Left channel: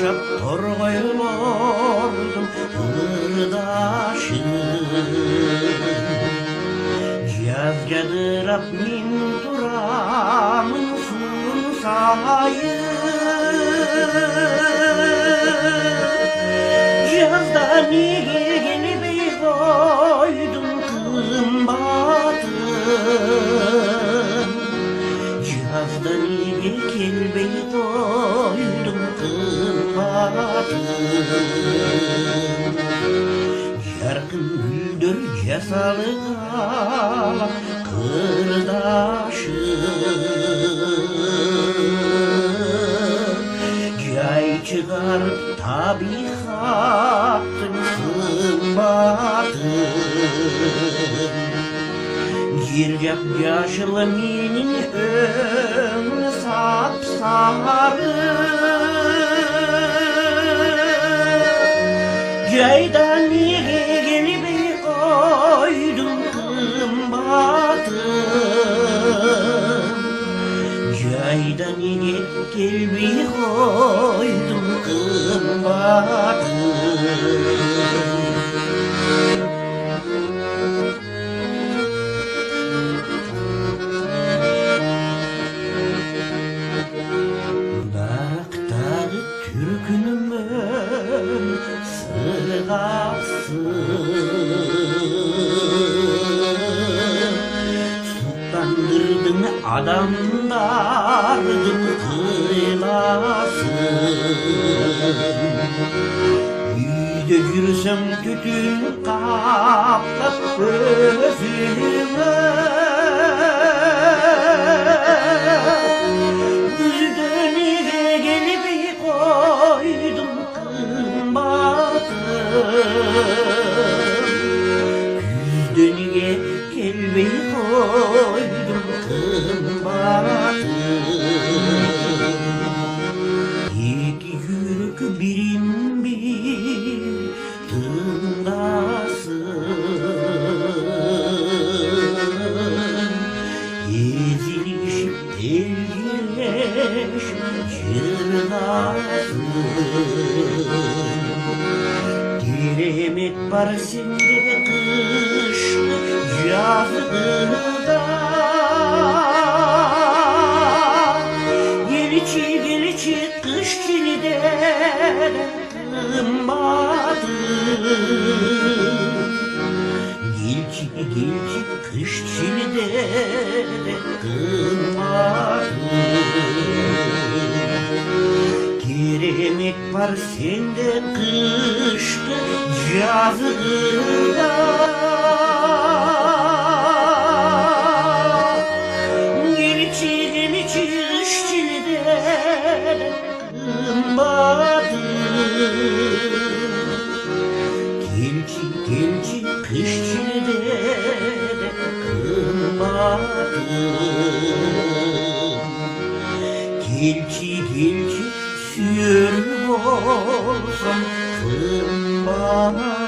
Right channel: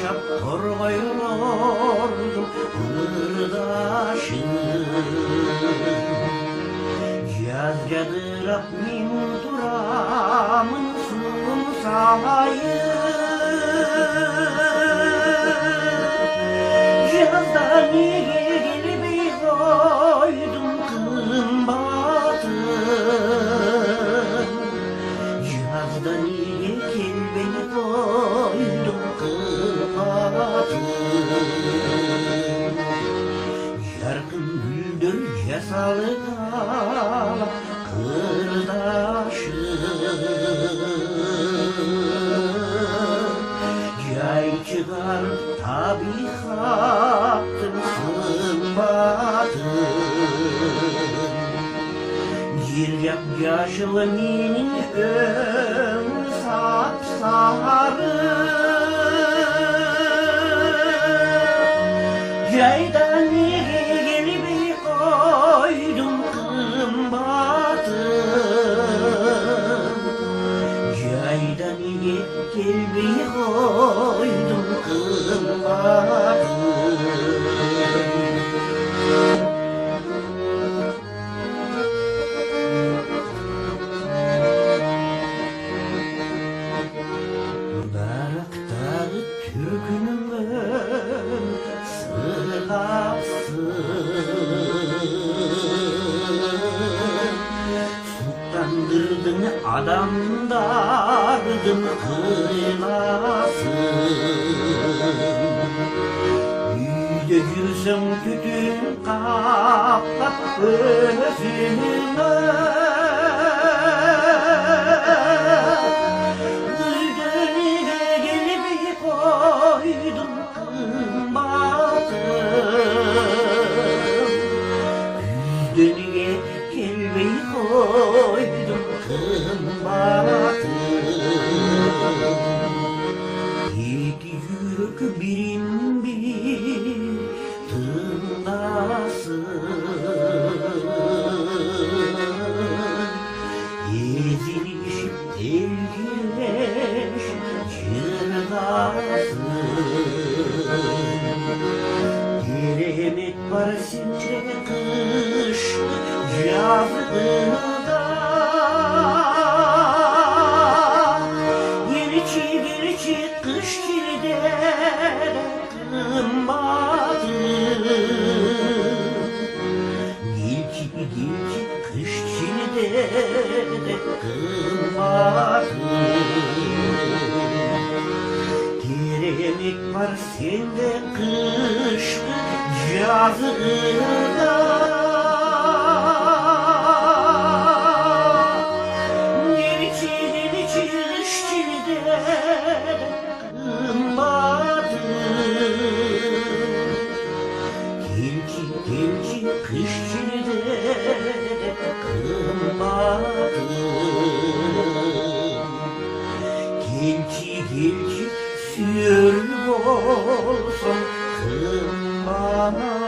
yaşap torbayordum kırdaşım. Yazgadırap min duramın sunsayı. Yazda niye gelip koydum kımbatın. Cihazda niye kelbeyi koydum kımbatın. Yarkın güldür cesalı kala kırdaşım. Cay çıkar tabiatın kımbatın. Gircap yaşlı minin önü sapsarı. Caydan niye gelip koydum kımbatın. Caydan niye gelip koydum kımbatın. Daraktağı türkünümün sırgasın. Sultandırdın adamdardın kırılasın. Yüzde yürüsem tütün kaplat gözüme. Yüzdeniye gelip koydum kımbatın. Yüzdeniye kelbeyi koydum kımbatın. İki yürek birin bir tındasın. Ezilişip evgileşip çırnasın. Dilemek var sende kış yazında. Gelçi gelçi kış çilide kımbatın. Gelçi gelçi kış çilide kımbatın. Dilemek var sende kışlı yazında. Gelçi gelçi kış çilide kımbatın. Gelçi gelçi kış çilide kımbatın. Gelçi gelçi sür olsun kımbatın.